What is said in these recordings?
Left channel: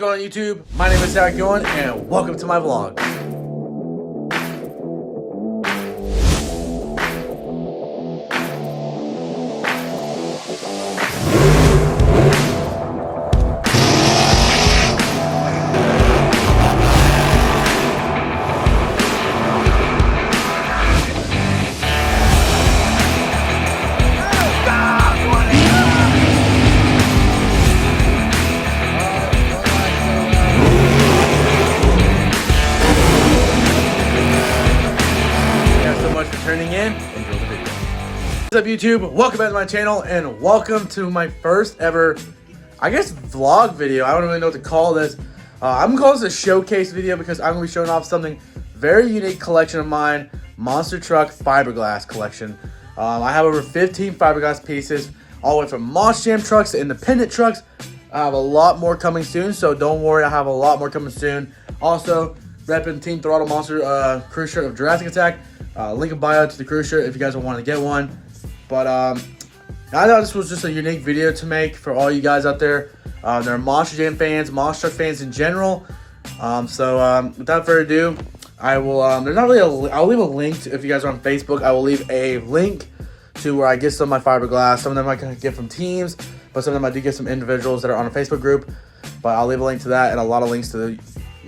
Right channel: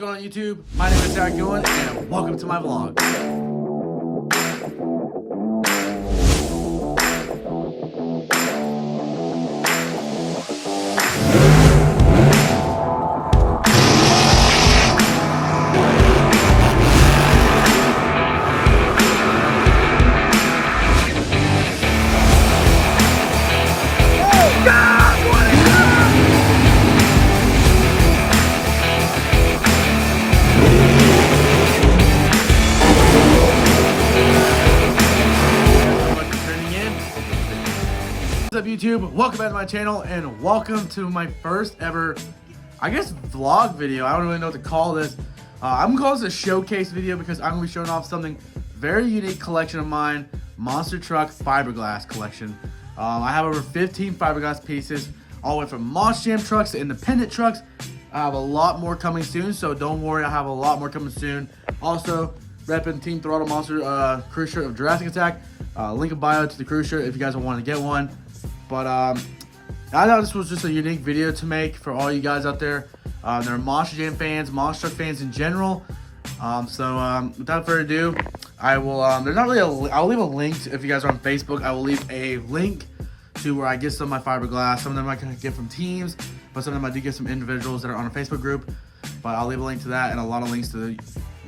What's going on YouTube? My name is Zach Yowen and welcome to my vlog. Turning in, enjoy the video. What's up YouTube? Welcome back to my channel and welcome to my first ever, I guess, vlog video. I don't really know what to call this. I'm gonna call this a showcase video because I'm gonna be showing off something very unique collection of mine, monster truck fiberglass collection. I have over 15 fiberglass pieces, all the way from Monster Jam trucks to independent trucks. I have a lot more coming soon, so don't worry, I have a lot more coming soon. Also, repping Team Throttle Monster crew shirt of Jurrasic Attack. Link in bio to the crew shirt if you guys want to get one. But I thought this was just a unique video to make for all you guys out there. They're Monster Jam fans, monster truck fans in general. Without further ado, I will. There's not really I'll leave a link if you guys are on Facebook. I will leave a link to where I get some of my fiberglass. Some of them I can get from teams, but some of them I do get some individuals that are on a Facebook group. But I'll leave a link to that and a lot of links to the,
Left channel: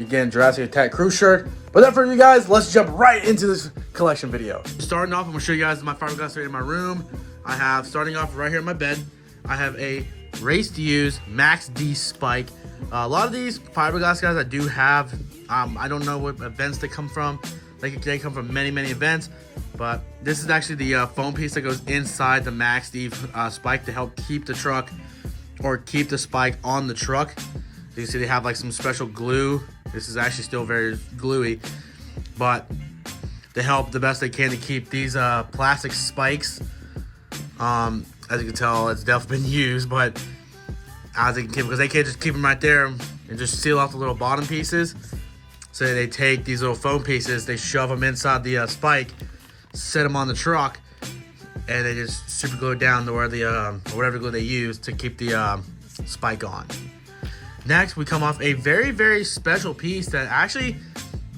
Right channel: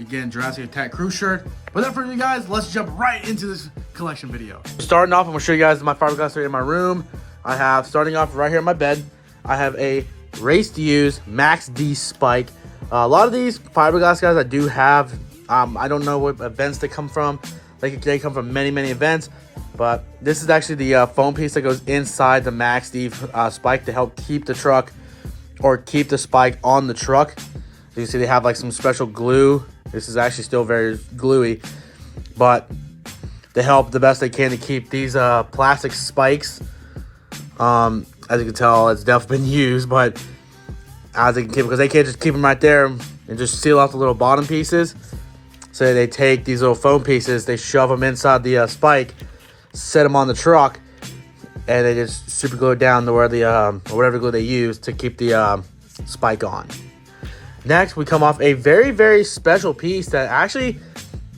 again, Jurrasic Attack crew shirt. Without further ado, guys, let's jump right into this collection video. Starting off, I'm gonna show you guys my fiberglass right in my room. I have, starting off right here in my bed, I have a Race to Use Max D spike. A lot of these fiberglass guys I do have, I don't know what events they come from. They come from many events, but this is actually the foam piece that goes inside the Max D spike to help keep the truck, or keep the spike on the truck. So you see they have like some special glue. This is actually still very gluey, but they help the best they can to keep these plastic spikes. As you can tell, it's definitely been used, but as they can keep, because they can't just keep them right there and just seal off the little bottom pieces. So they take these little foam pieces, they shove them inside the spike, set them on the truck, and they just super glue it down to where the whatever glue they use to keep the spike on. Next, we come off a very special piece that actually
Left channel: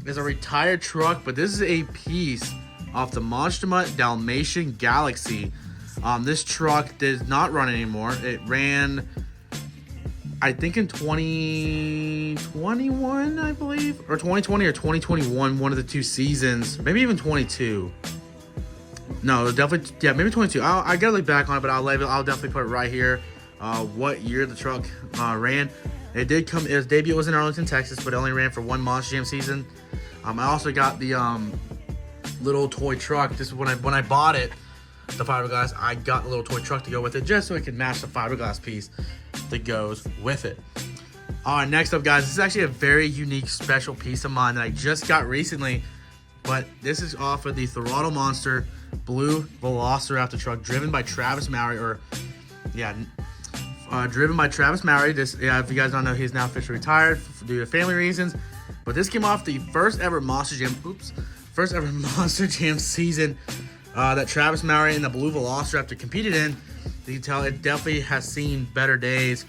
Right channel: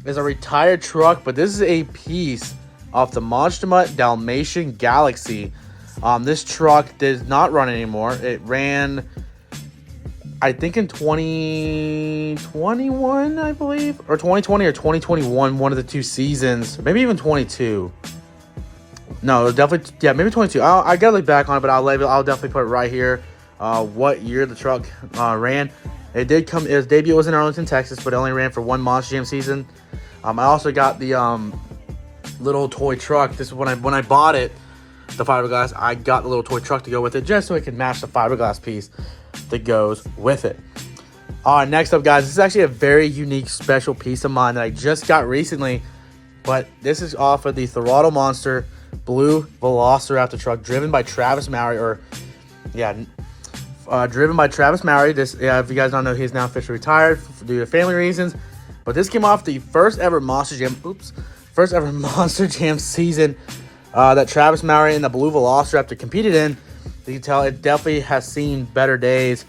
is a retired truck, but this is a piece off the Monster Mutt Dalmatian Galaxy. This truck does not run anymore. It ran, I think, in 2021, I believe, or 2020 or 2021, one of the two seasons, maybe even 22. No, definitely, yeah, maybe 22. I gotta look back on it, but I'll definitely put it right here. What year the truck ran. It did come. Its debut was in Arlington, Texas, but it only ran for one Monster Jam season. I also got the little toy truck. This is when I bought it, the fiberglass. I got the little toy truck to go with it, just so it could match the fiberglass piece that goes with it. Next up, guys, this is actually a very unique, special piece of mine that I just got recently. But this is off of the Throttle Monster blue Velociraptor truck, driven by Travis Mowry, driven by Travis Mowry. This, if you guys don't know, he's now officially retired due to family reasons. But this came off the first ever Monster Jam season that Travis Mowry and the blue Velociraptor competed in. You can tell it definitely has seen better days.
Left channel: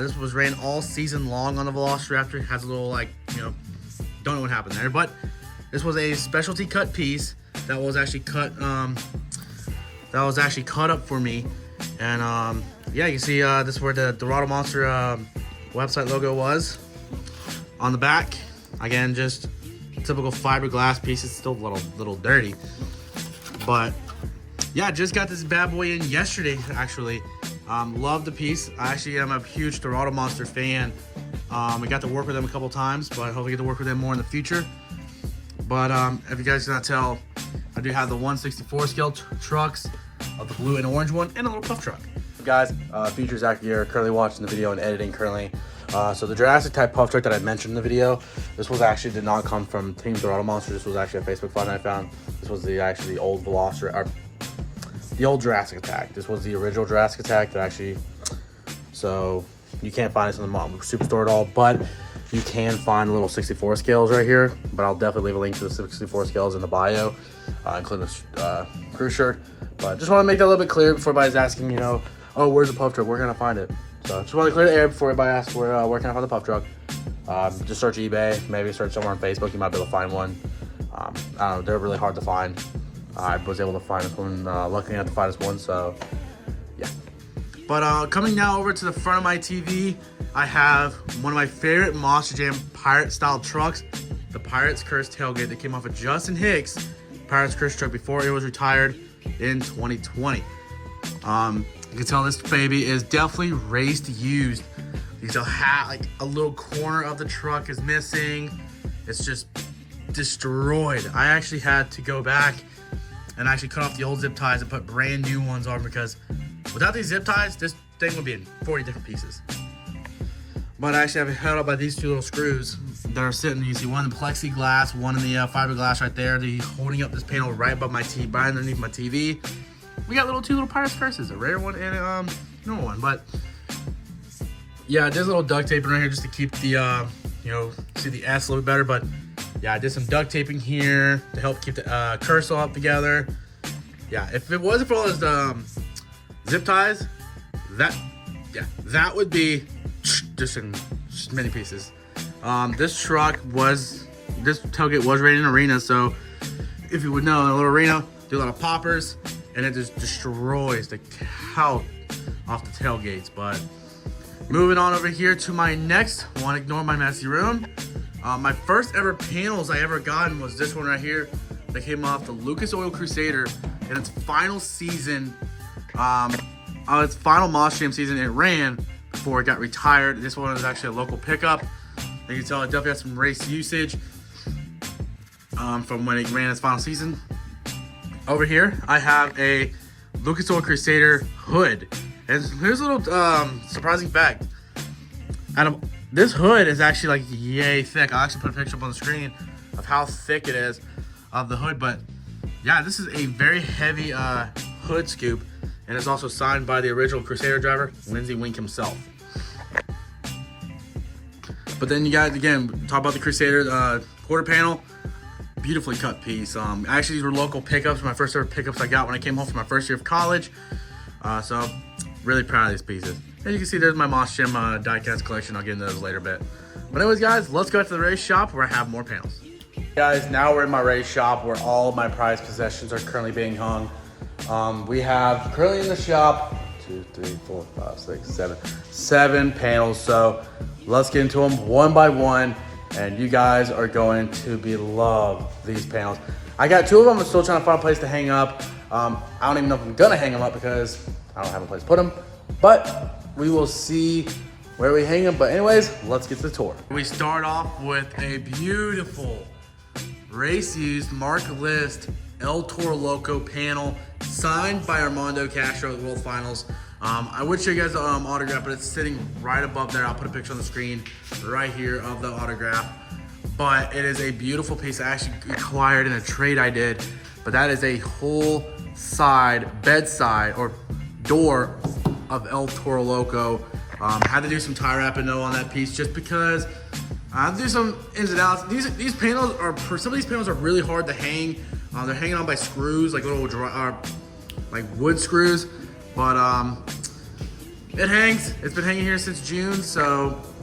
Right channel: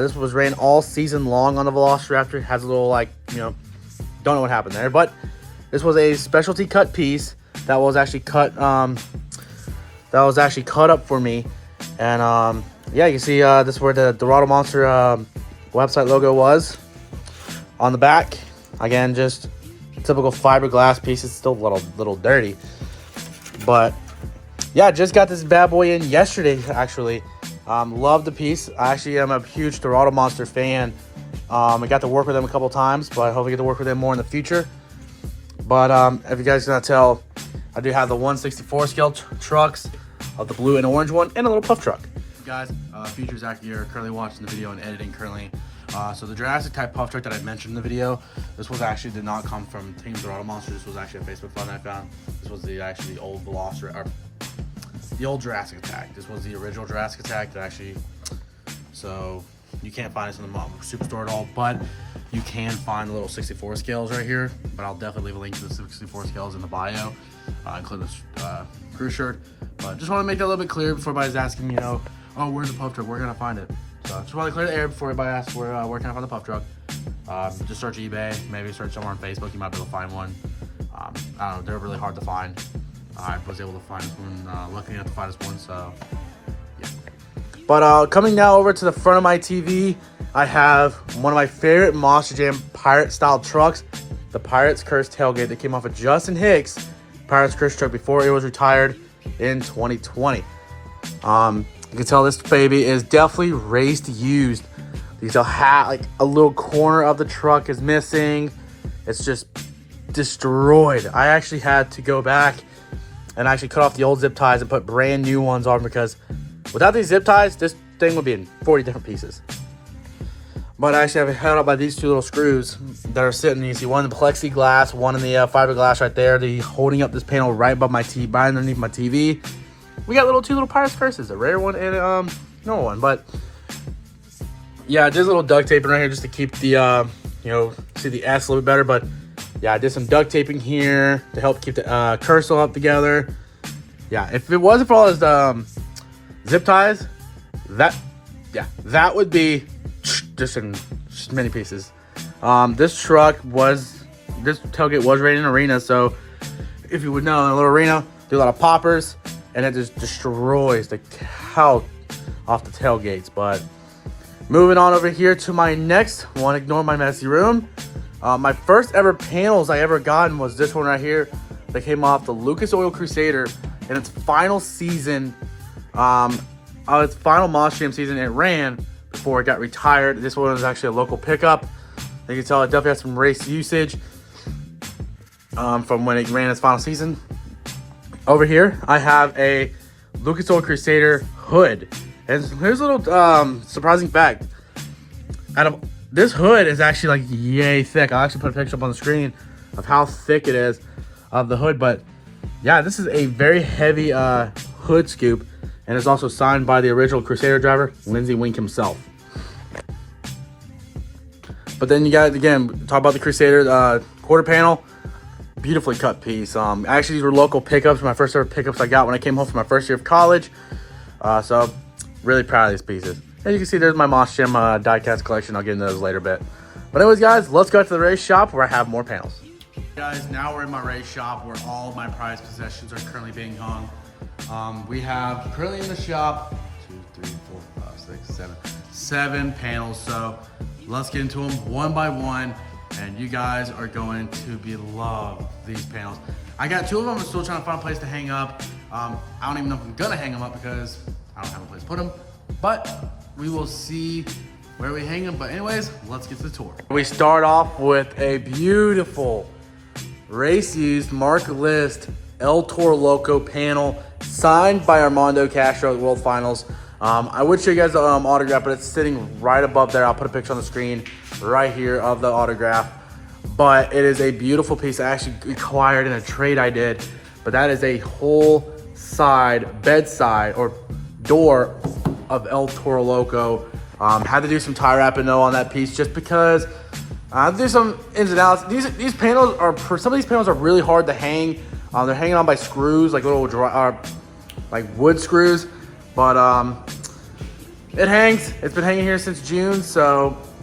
This was ran all season long on the Velociraptor. It has a little, like, don't know what happened there, but this was a specialty cut piece that was actually cut. Up for me, and yeah, you can see this is where the Throttle Monster website logo was on the back. Again, just typical fiberglass piece. It's still a little dirty, but yeah, just got this bad boy in yesterday. Actually, love the piece. I actually am a huge Throttle Monster fan. I got to work with them a couple times, but I hope I get to work with them more in the future. But if you guys cannot tell, I do have the 1/64 scale trucks, of the blue and orange one, and a little puff truck. Guys, features actually are currently watching the video and editing currently. So the Jurrasic type puff truck that I mentioned in the video, this was actually did not come from Team Throttle Monster. This was actually a Facebook find I found. This was the old Velociraptor, the old Jurrasic Attack. This was the original Jurrasic Attack that actually, so you can't find this in the Superstore at all, but you can find little 64 scales right here. But I'll definitely leave a link to the 64 scales in the bio, including the crew shirt. But just want to make that a little bit clear before everybody's asking, oh, where's the puff truck? Where can I find it? So just want to clear the air before everybody asks where can I find the puff truck. Just search eBay, maybe search somewhere on Facebook, you might be able to find one. I don't know, they're really hard to find. I was able to find this one, lucky enough to find this one, so yeah. But coming now over to the front of my TV, I have one of my favorite Monster Jam pirate style trucks, the Pirate's Curse tailgate that came off of Justin Hicks' Pirate's Curse truck before it was retired in 2020. You can tell this baby is definitely raced used. You can tell like a little corner of the truck is missing. It's just destroyed. I actually had to go back and actually cut off the old zip ties and put brand new ones on, because without these zip ties, this thing would be in 40 different pieces. But I actually have it held up by these two little screws that are sitting. You see one in the plexiglass, one in the fiberglass right there. They're holding up this panel right above my TV, right underneath my TV. We got two little Pirate's Curses, a rare one and a normal one. But yeah, I did a little duct taping right here just to keep the see the S a little bit better. But yeah, I did some duct taping here to help keep the curse up together. Yeah, if it wasn't for all those zip ties, that would be just in many pieces. This tailgate was rated in arena, so if you would know, in a little arena, do a lot of poppers, and it just destroys the cow off the tailgates. But moving on over here to my next one, ignore my messy room. My first ever panels I ever gotten was this one right here that came off the Lucas Oil Crusader in its final season, its final Monster Jam season. It ran before it got retired. This one was actually a local pickup. You can tell it definitely has some race usage from when it ran its final season. Over here, I have a Lucas Oil Crusader hood. And here's a little surprising fact. This hood is actually like yay thick. I'll actually put a picture up on the screen of how thick it is of the hood. But yeah, this is a very heavy hood scoop. And it's also signed by the original Crusader driver, Lindsey Wink himself. But then you got, again, talk about the Crusader quarter panel. Beautifully cut piece. Actually, these were local pickups. My first ever pickups I got when I came home from my first year of college. So, really proud of these pieces. As you can see, there's my Monster Jam diecast collection. I'll get into those later a bit. But anyways, guys, let's go to the race shop where I have more panels. Guys, now we're in my race shop where all of my prized possessions are currently being hung. We have currently in the shop 2, 3, 4, 5, 6, 7 panels. So let's get into them one by one, and you guys are going to love these panels. I got 2 of them. I'm still trying to find a place to hang up. I don't even know if I'm gonna hang them up because I don't have a place to put them, but we will see where we hang them. But anyways, let's get to the tour. We start off with a beautiful race used Mark List El Toro Loco panel signed by Armando Castro at World Finals. I would show you guys the autograph, but it's sitting right above there. I'll put a picture on the screen right here of the autograph. But it is a beautiful piece. I actually acquired in a trade I did. But that is a whole bedside or door of El Toro Loco. Had to do some tie wrapping though on that piece just because there's some ins and outs. These panels are, some of these panels are really hard to hang. They're hanging on by screws, like little like wood screws. But it hangs. It's been hanging here since June,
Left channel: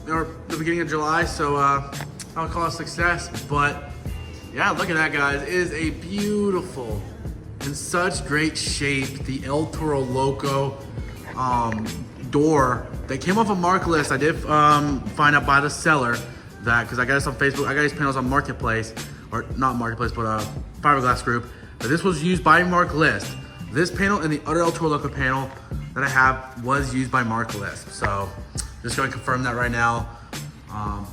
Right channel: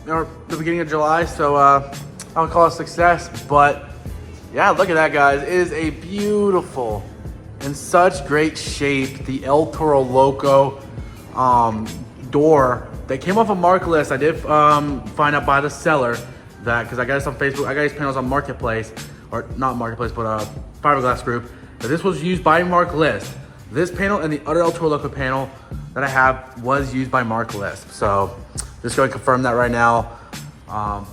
or the beginning of July. So I'll call it a success. But yeah, look at that, guys. It is a beautiful, in such great shape, the El Toro Loco door that came off of Mark List. I did find out by the seller that, because I got this on Facebook, I got these panels on Marketplace, or not Marketplace, but Fiberglass Group. But this was used by Mark List. This panel and the other El Toro Loco panel that I have was used by Mark List. So just going to confirm that right now.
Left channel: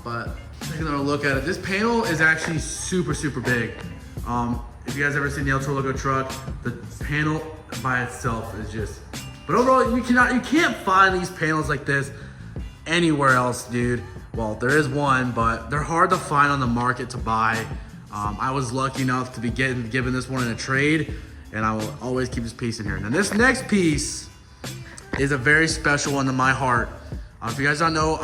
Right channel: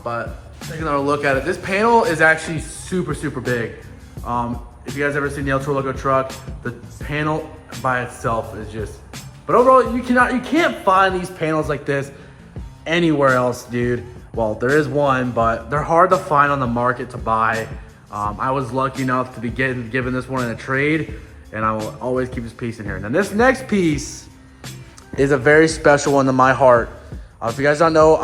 But take another look at it. This panel is actually super, super big. If you guys ever seen the El Toro Loco truck, the panel by itself is just, but overall, you can't find these panels like this anywhere else, dude. Well, there is one, but they're hard to find on the market to buy. I was lucky enough to be given this one in a trade, and I will always keep this piece in here. Now, this next piece is a very special one to my heart. If you guys don't know,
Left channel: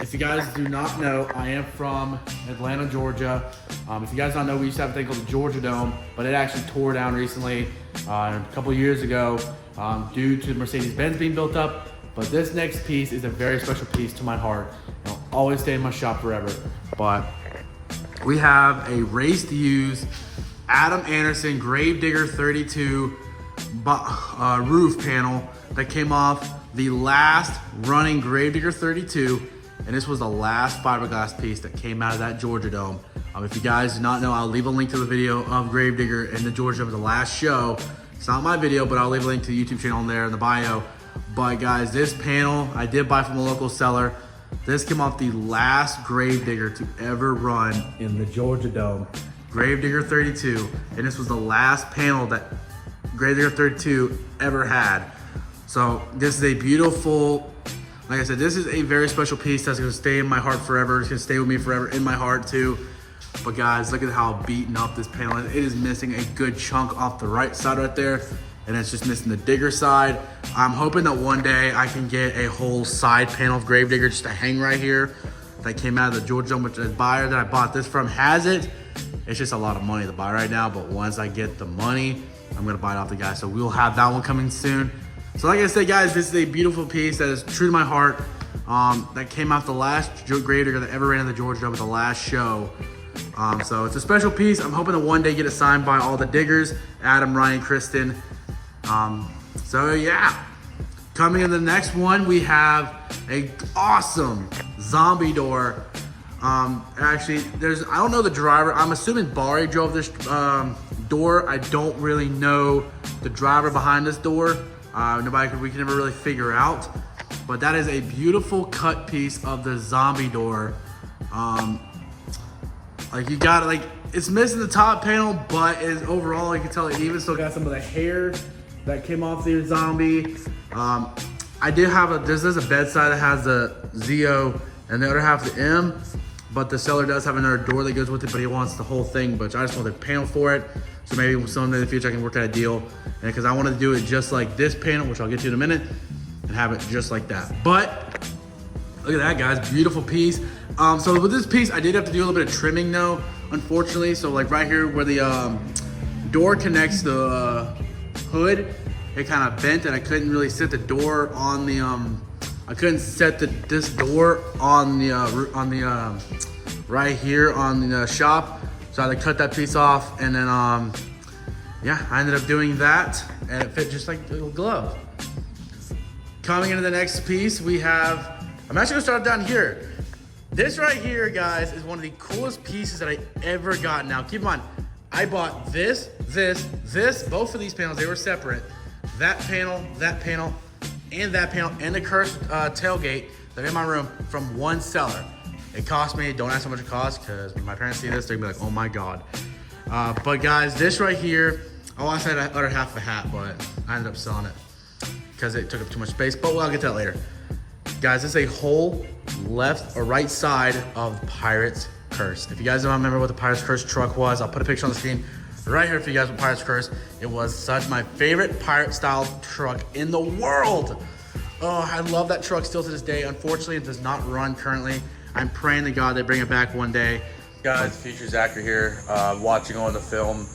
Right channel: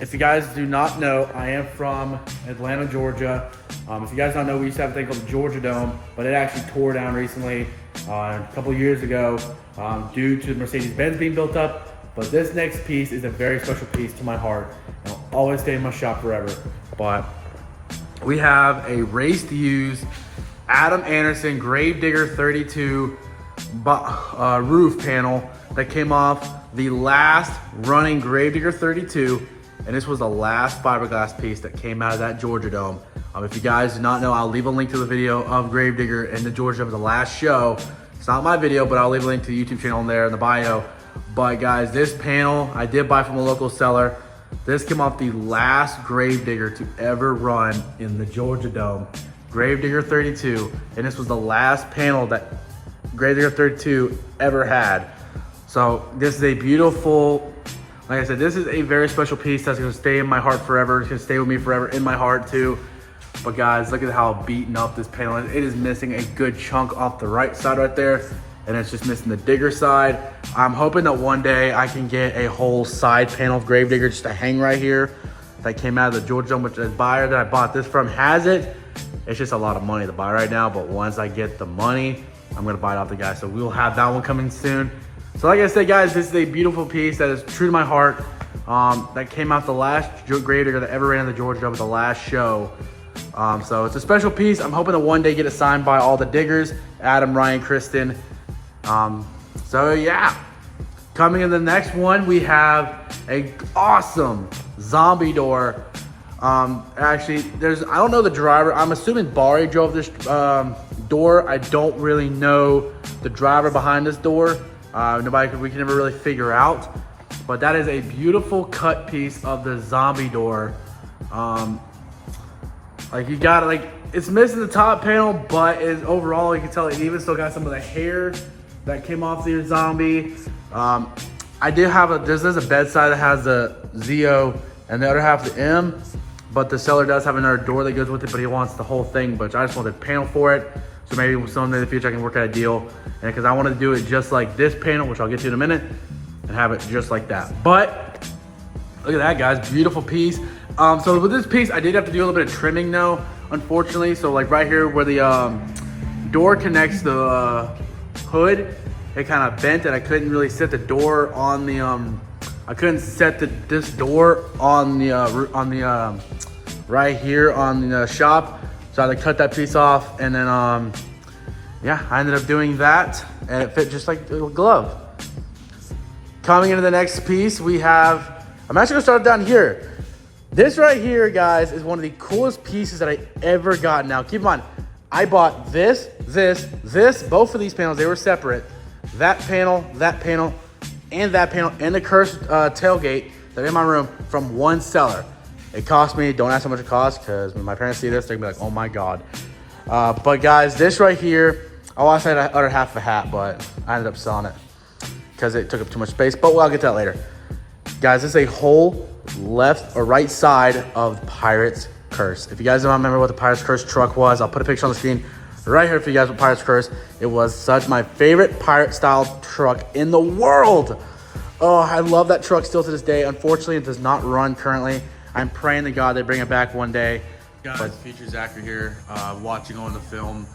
if you guys do not know, I am from Atlanta, Georgia. If you guys don't know, we used to have a thing called the Georgia Dome, but it actually tore down recently, a couple years ago, due to Mercedes-Benz being built up. But this next piece is a very special piece to my heart. always stay in my shop forever. But we have a race to use Adam Anderson Gravedigger 32 roof panel that came off the last running Gravedigger 32, and this was the last fiberglass piece that came out of that Georgia Dome. If you guys do not know, I'll leave a link to the video of Gravedigger and the Georgia Dome, the last show. It's not my video, but I'll leave a link to the YouTube channel in there in the bio. But guys, this panel I did buy from a local seller. This came off the last Gravedigger to ever run in the Georgia Dome, Gravedigger 32, and this was the last panel that Gravedigger 32 ever had. So this is a beautiful, like I said, this is a very special piece that's gonna stay in my heart forever. It's gonna stay with me forever in my heart too. But guys, look at how beaten up this panel is. It is missing a good chunk off the right side right there, and it's just missing the digger side. I'm hoping that one day I can get a whole side panel of Gravedigger just to hang right here that came out of the Georgia Dome, which the buyer that I bought this from has it. It's just a lot of money to buy right now, but once I get the money, I'm gonna buy it off the guy. So we will have that one coming soon. So like I said, guys, this is a beautiful piece that is true to my heart. That came out the last Gravedigger that ever ran in the Georgia Dome, the last show. So it's a special piece. I'm hoping to one day get it signed by all the diggers, Adam, Ryan, Kristen. So yeah, coming in the next one, we have a awesome zombie door. Actually, I don't know the driver. I'm assuming Bari drove this door. I don't really know the driver behind this door. We can never really figure out. But that is a beautiful cut piece of the zombie door. Like you got like it's missing the top panel, but overall you can tell it even still got some of the hair that came off the zombie. I did have there's a bedside that has the ZO and the other half the M, but the seller does have another door that goes with it, but he wants the whole thing, but I just want the panel for it. So maybe someday in the future I can work out a deal, and because I wanted to do it just like this panel, which I'll get to in a minute, and have it just like that. But look at that, guys, beautiful piece. So with this piece, I did have to do a little bit of trimming though, unfortunately. So like right here where the door connects the hood, it kind of bent, and I couldn't really set the door on the I couldn't set this door on the right here on the shop. So I had to cut that piece off, and then yeah, I ended up doing that, and it fit just like a glove. Coming into the next piece, we have, I'm actually gonna start down here. This right here, guys, is one of the coolest pieces that I ever got. Now, keep in mind, I bought this, both of these panels, they were separate. That panel, and that panel, and the cursed tailgate that are in my room from one seller. It cost me, don't ask how much it cost, because when my parents see this, they're gonna be like, oh my God. But guys, this right here, I lost the other half of a hat, but I ended up selling it because it took up too much space, but I'll get to that later. Guys, this is a whole left or right side of Pirate's Curse. If you guys don't remember what the Pirate's Curse truck was, I'll put a picture on the screen right here for you guys with Pirate's Curse. It was such my favorite pirate style truck in the world. Oh, I love that truck still to this day. Unfortunately, it does not run currently. I'm praying to God they bring it back one day. Guys, Future Zachary here, watching on the film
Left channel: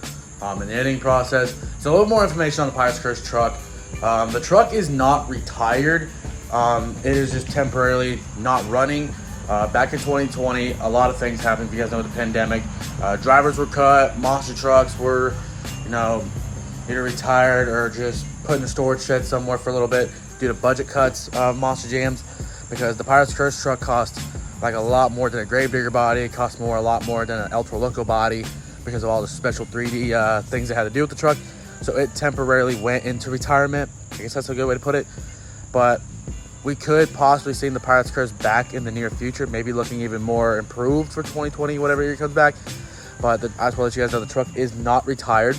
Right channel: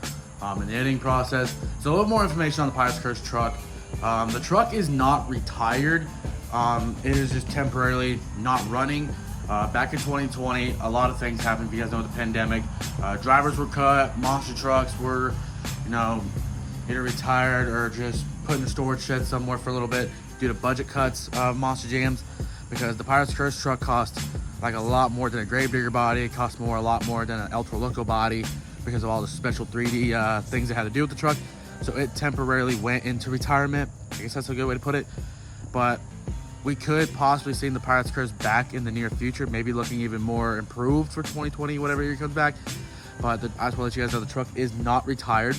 and the editing process. So a little more information on the Pirate's Curse truck. The truck is not retired. It is just temporarily not running. Back in 2020, a lot of things happened. If you guys know the pandemic, drivers were cut, monster trucks were, either retired or just put in the storage shed somewhere for a little bit due to budget cuts of Monster Jams, because the Pirate's Curse truck cost like a lot more than a Gravedigger body. It cost a lot more than an El Loco body because of all the special 3D things it had to do with the truck. So it temporarily went into retirement. I guess that's a good way to put it. But we could possibly see the Pirate's Curse back in the near future, maybe looking even more improved for 2020, whatever year it comes back. But I just want to let you guys know the truck is not retired.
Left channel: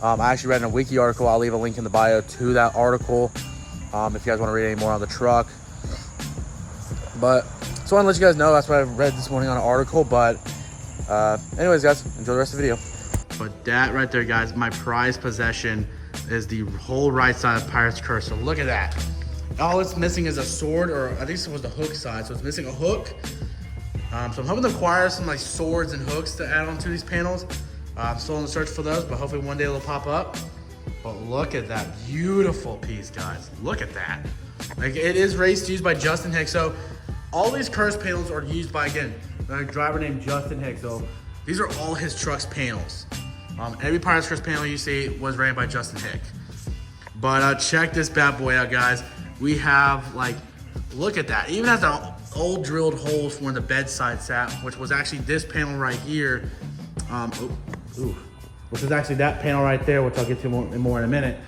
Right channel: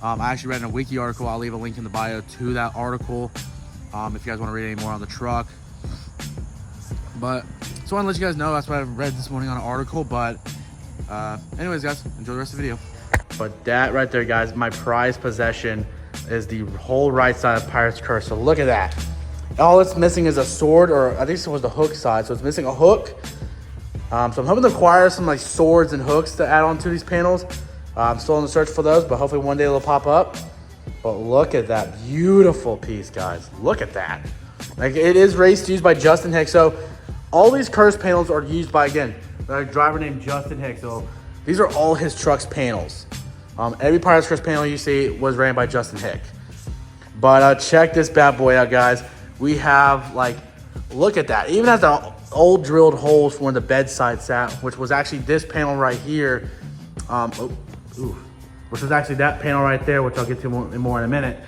I actually read in a wiki article. I'll leave a link in the bio to that article if you guys want to read any more on the truck. But so I want to let you guys know that's what I read this morning on an article. But anyways, guys, enjoy the rest of the video. But that right there, guys, my prized possession is the whole right side of Pirate's Curse. So look at that. All it's missing is a sword, or I think this was the hook side. So it's missing a hook. So I'm hoping to acquire some like swords and hooks to add on to these panels. I'm still in the search for those, but hopefully one day they'll pop up. But look at that beautiful piece, guys. Look at that. Like, it is raced used by Justin Hicks. So all these curse panels are used by, again, a driver named Justin Hicks. So these are all his truck's panels. Every Pirates Curse panel you see was ran by Justin Hick. But check this bad boy out, guys. We have, like, look at that. It even has the old drilled holes for where the bedside sat, which was actually this panel right here. Which was actually that panel right there, which I'll get to more in a minute.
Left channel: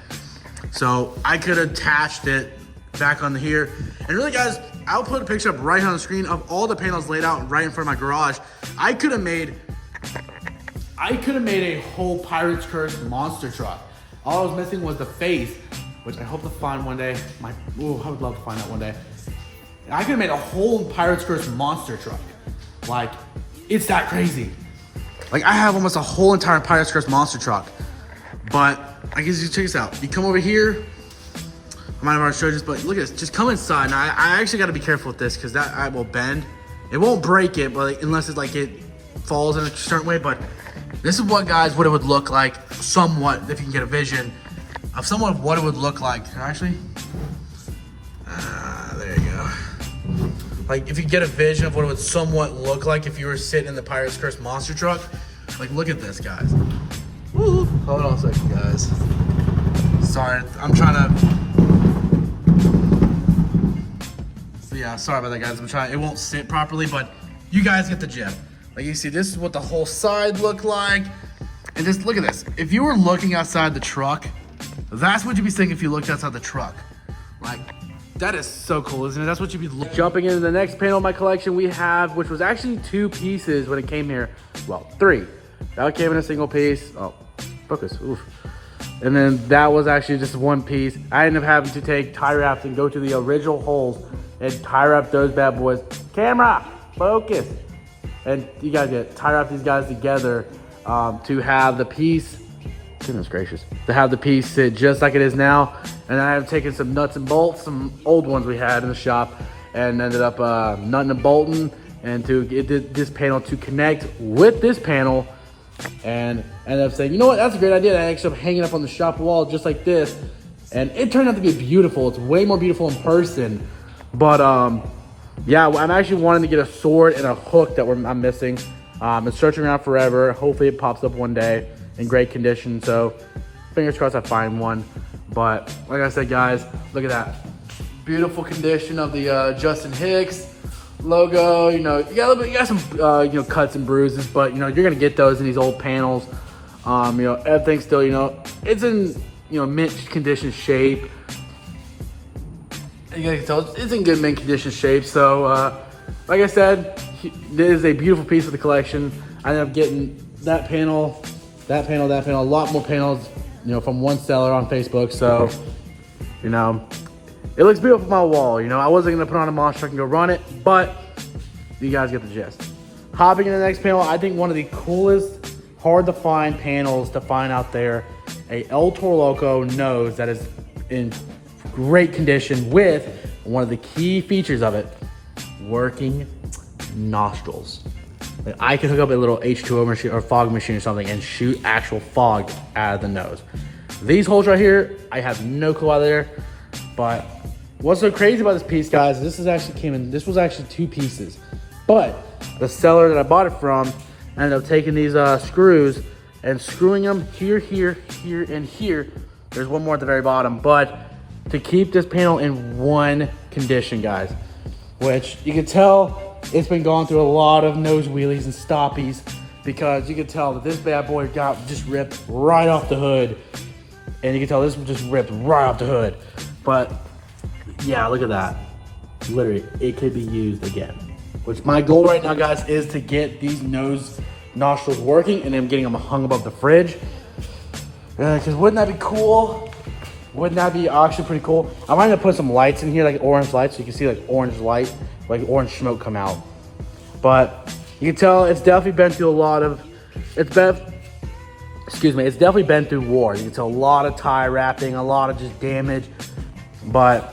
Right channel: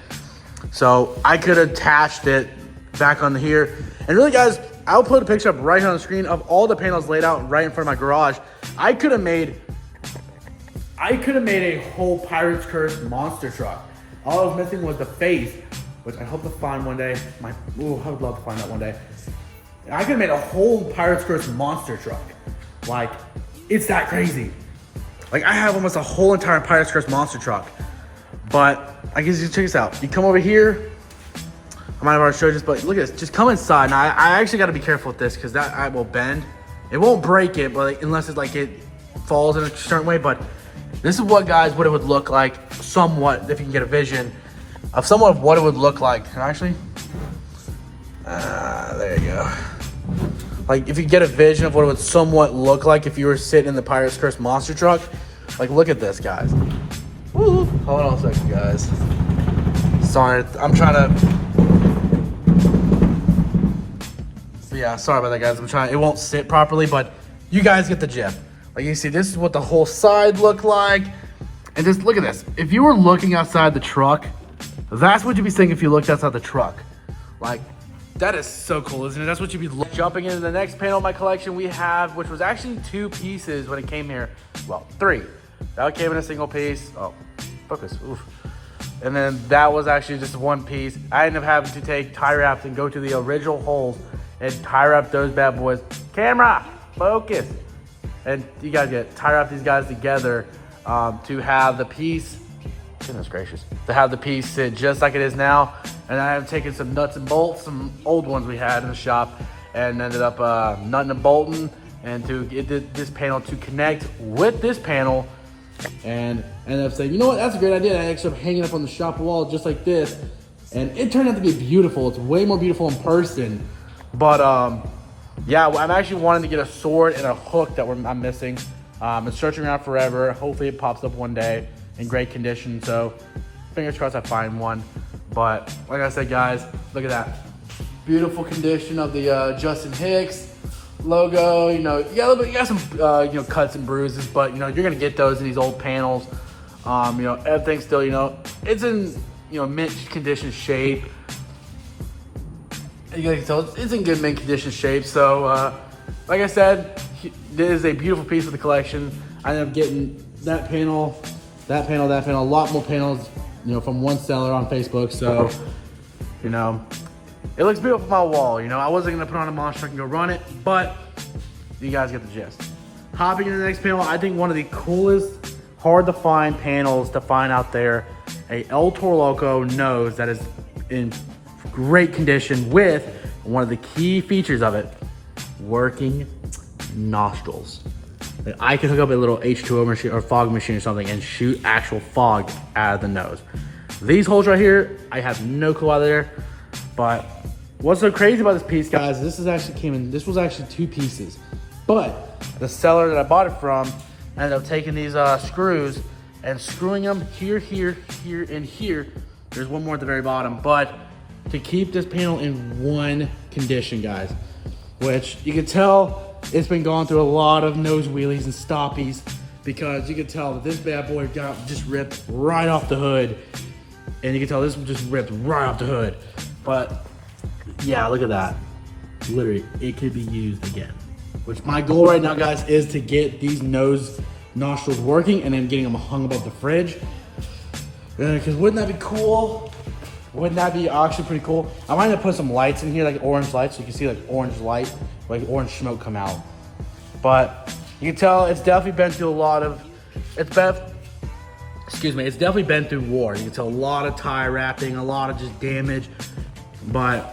So I could have attached it back on here. And really, guys, I'll put a picture up right here on the screen of all the panels laid out right in front of my garage. I could have made a whole Pirates Curse monster truck. All I was missing was the face, which I hope to find one day. I would love to find that one day. I could have made a whole Pirates Curse monster truck. Like, it's that crazy. Like, I have almost a whole entire Pirates Curse monster truck. But I guess you check this out. You come over here. I might have already showed you this, but look at this. Just come inside. Now, I actually got to be careful with this because that will bend. It won't break it, but unless it's like it falls in a certain way. But this is what, guys, what it would look like somewhat, if you can get a vision of somewhat of what it would look like. Actually, there you go. Like, if you get a vision of what it would somewhat look like if you were sitting in the Pirates Curse monster truck. Like, look at this, guys. Woo. Hold on a second, guys. Sorry, I'm trying to... Yeah, sorry about that, guys. It won't sit properly, but you guys get the gist. Like, you see, this is what the whole side looked like. And just look at this. If you were looking outside the truck, that's what you'd be thinking if you looked outside the truck. Like, that is so cool, isn't it? That's what you'd be looking. Jumping into the next panel of my collection we have, which was actually 2 pieces when it came here. Well, 3. That came in a single piece. Oh, focus. Oof. And then that was actually just 1 piece. I ended up having to take tie wraps and go to the original holes and tie wrap those bad boys. Camera, focus. And you guys get tie wrap these guys together to have the piece, goodness gracious, to have the piece sit just like it is now. And I have taken some nuts and bolts, some old ones we had in the shop, and ended up nutting and bolting and to get this panel to connect with this panel. And ended up saying, you know what, that's a great idea. I actually am hanging up on the shop wall just like this. And it turned out to be beautiful. It's way more beautiful in person. But yeah, I'm actually wanting to get a sword and a hook that I'm missing. Been searching around forever. Hopefully it pops up one day in great condition. So fingers crossed I find one. But like I said, guys, look at that. Beautiful condition of the Justin Hicks logo. You know, you got some you know, cuts and bruises, but you know, you're gonna get those in these old panels. You know, everything still, you know, it's in, you know, mint condition shape. You can tell it's in good mint condition shape. So like I said, this is a beautiful piece of the collection. I ended up getting that panel, a lot more panels, you know, from one seller on Facebook. So, you know, it looks beautiful on my wall. You know, I wasn't gonna put on a monster truck and go run it, but you guys get the gist. Hopping in the next panel, I think one of the coolest, hard to find panels to find out there, a El Toro Loco nose that is in great condition with one of the key features of it, working nostrils. Like, I can hook up a little H2O machine or fog machine or something and shoot actual fog out of the nose. These holes right here, I have no clue out there, but what's so crazy about this piece, guys, this was actually 2 pieces, but the seller that I bought it from ended up taking these screws and screwing them here, and here. There's one more at the very bottom, but to keep this panel in one condition, guys, which you can tell it's been going through a lot of nose wheelies and stoppies, because you can tell that this bad boy got just ripped right off the hood, and you can tell this one just ripped right off the hood. But yeah, look at that. Literally, it could be used again. Which my goal right now, guys, is to get these nose nostrils working and then getting them hung above the fridge. Because wouldn't that be cool? Wouldn't that be actually pretty cool? I might have put some lights in here, like orange lights, so you can see like orange light, like orange smoke come out. But you can tell it's definitely been through a lot of, it's definitely been through war. You can tell a lot of tie wrapping, a lot of just damage, but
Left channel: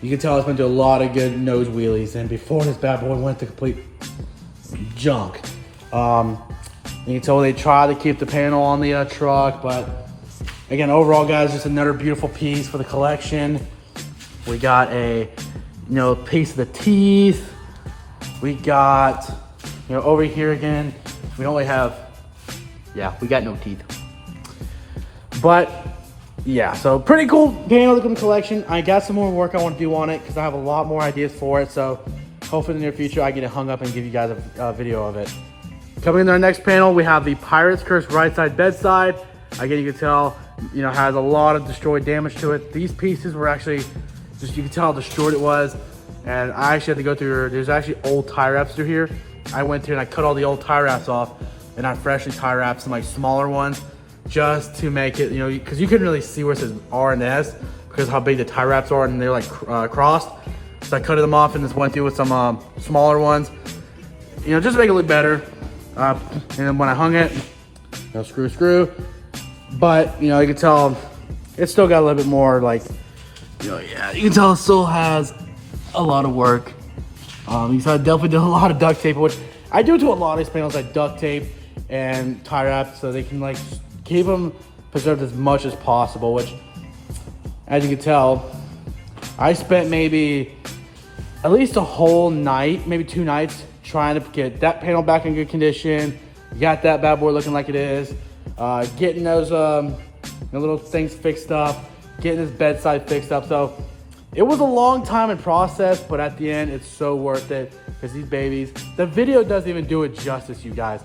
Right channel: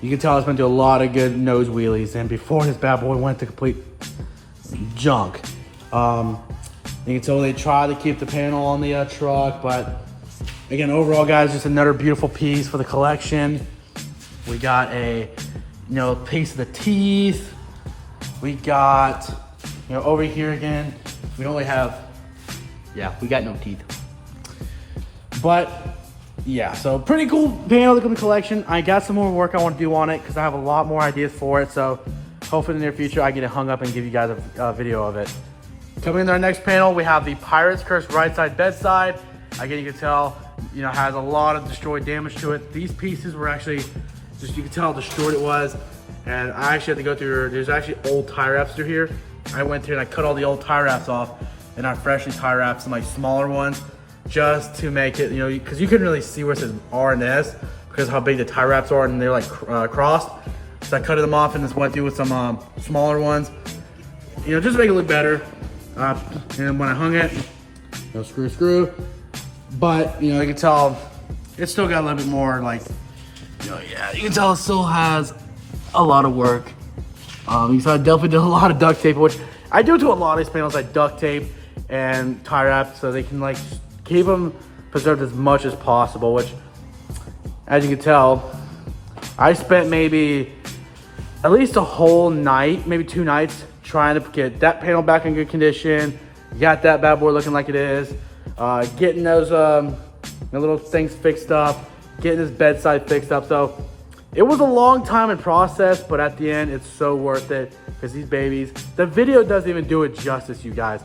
you can tell it's been through a lot of good nose wheelies. And before this bad boy went to complete junk. You can tell they tried to keep the panel on the truck, but again, overall, guys, just another beautiful piece for the collection. We got a, you know, piece of the teeth. We got, over here again, we only have, we got no teeth. But yeah, so pretty cool panel in the collection. I got some more work I want to do on it because I have a lot more ideas for it. So hopefully in the near future I get it hung up and give you guys a video of it. Coming into our next panel, we have the Pirate's Curse right side bedside. Again, you can tell, has a lot of destroyed damage to it. These pieces were actually, you can tell how destroyed it was. And I actually had to go through, there's actually old tie wraps through here. I went through and I cut all the old tie wraps off and I freshly tie wrapped some like smaller ones just to make it, because you couldn't really see where it says R and S because of how big the tie wraps are and they're like crossed. So I cut them off and just went through with some smaller ones, just to make it look better. And when I hung it, screw. But, you can tell it's still got a little bit more like, you can tell it still has a lot of work. So I definitely did a lot of duct tape, which I do to a lot of these panels, like duct tape and tie wrap, so they can like keep them preserved as much as possible, which, as you can tell, I spent maybe at least a whole night, maybe 2 nights, trying to get that panel back in good condition, got that bad boy looking like it is, getting those the little things fixed up, getting this bedside fixed up. So it was a long time in process, but at the end, it's so worth it because these babies, the video doesn't even do it justice, you guys.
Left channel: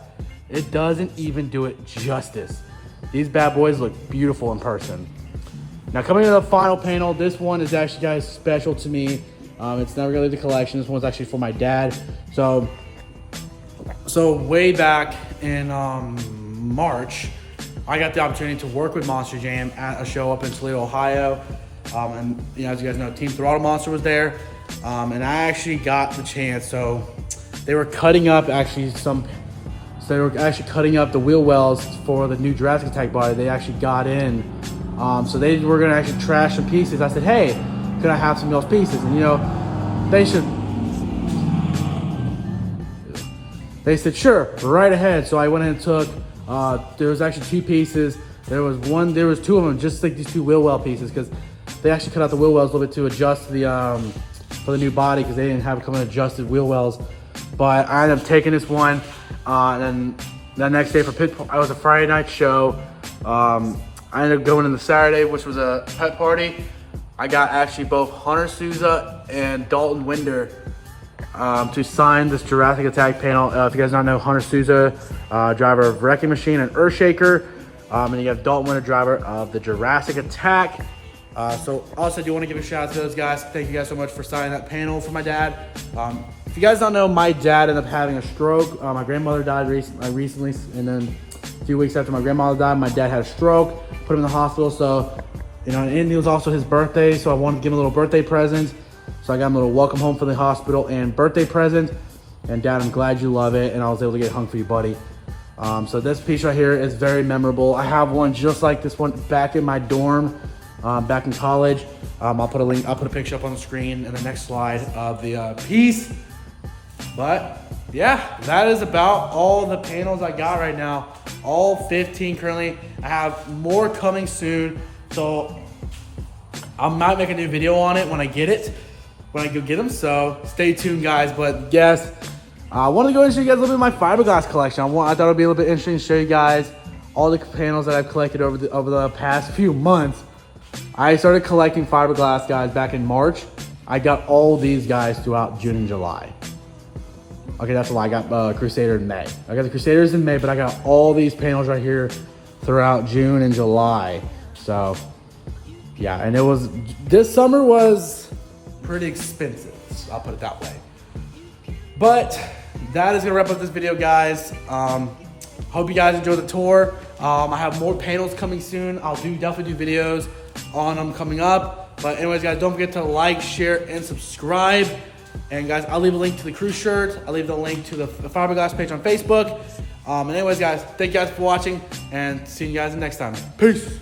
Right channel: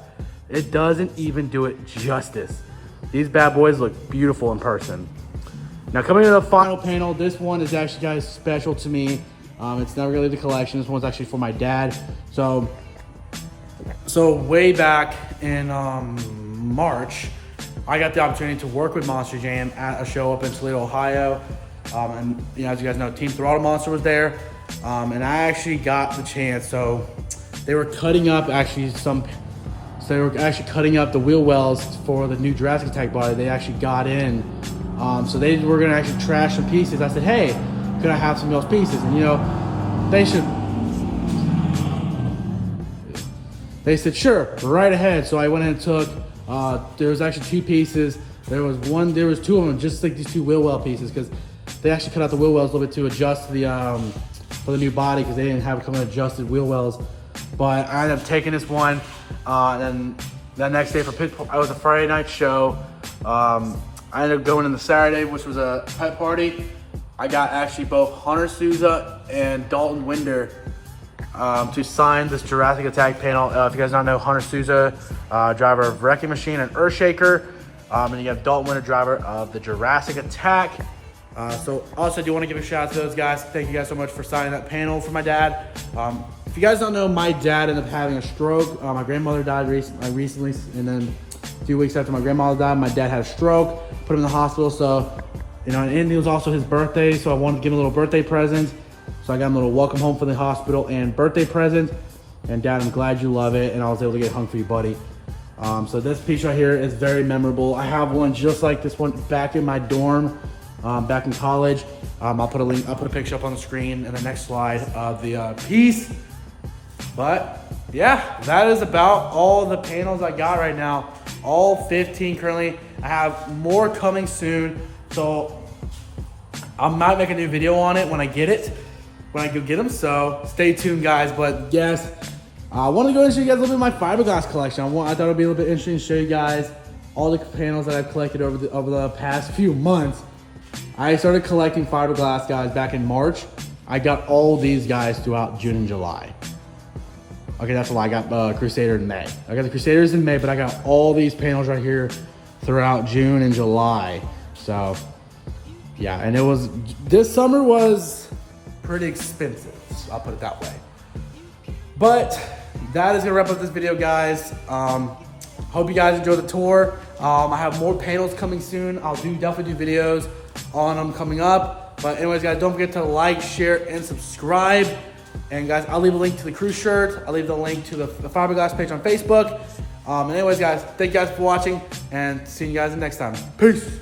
It doesn't even do it justice. These bad boys look beautiful in person. Now coming to the final panel, this one is actually, guys, special to me. It's never gonna leave the collection. This one's actually for my dad. So way back in March, I got the opportunity to work with Monster Jam at a show up in Toledo, Ohio. And as you guys know, Team Throttle Monster was there. And I actually got the chance. So they were cutting up they were actually cutting up the wheel wells for the new Jurrasic Attack body. They actually got in. So they were gonna actually trash some pieces. I said, hey, could I have some of those pieces? And they said, sure, right ahead. So I went in and took, there was actually 2 pieces. There was 2 of them, just like these 2 wheel well pieces, because they actually cut out the wheel wells a little bit to adjust for the new body, because they didn't have it coming adjusted wheel wells. But I ended up taking this one, and then the next day I was a Friday night show. I ended up going in the Saturday, which was a pet party. I got actually both Hunter Souza and Dalton Winder to sign this Jurrasic Attack panel. If you guys don't know, Hunter Souza, driver of Wrecking Machine and Earthshaker, and you have Dalton Winder, driver of the Jurrasic Attack. So also I do want to give a shout out to those guys. Thank you guys so much for signing that panel for my dad. If you guys don't know, my dad ended up having a stroke. My grandmother died recently, and then a few weeks after my grandmother died, my dad had a stroke, put him in the hospital. So, and it was also his birthday, so I wanted to give him a little birthday present. So I got him a little welcome home from the hospital and birthday present. And Dad, I'm glad you love it, and I was able to get it hung for you, buddy. So this piece right here is very memorable. I have one just like this one back in my dorm, back in college. I'll put a picture up on the screen in the next slide of the piece. But yeah, that is about all the panels I got right now. All 15 currently. I have more coming soon. So I might make a new video on it when I get it, when I go get them. So stay tuned, guys. But yes, I want to go and show you guys a little bit of my fiberglass collection. I thought it would be a little bit interesting to show you guys all the panels that I've collected over the past few months. I started collecting fiberglass, guys, back in March. I got all these guys throughout June and July. Okay, that's a lie. I got Crusader in May. I got the Crusaders in May, but I got all these panels right here throughout June and July. So yeah, and this summer was pretty expensive. I'll put it that way. But that is gonna wrap up this video, guys. Hope you guys enjoyed the tour. I have more panels coming soon. I'll definitely do videos on them coming up. But anyways, guys, don't forget to like, share, and subscribe. And guys, I'll leave a link to the crew shirt. I'll leave the link to the fiberglass page on Facebook. And anyways, guys, thank you guys for watching, and see you guys next time. Peace.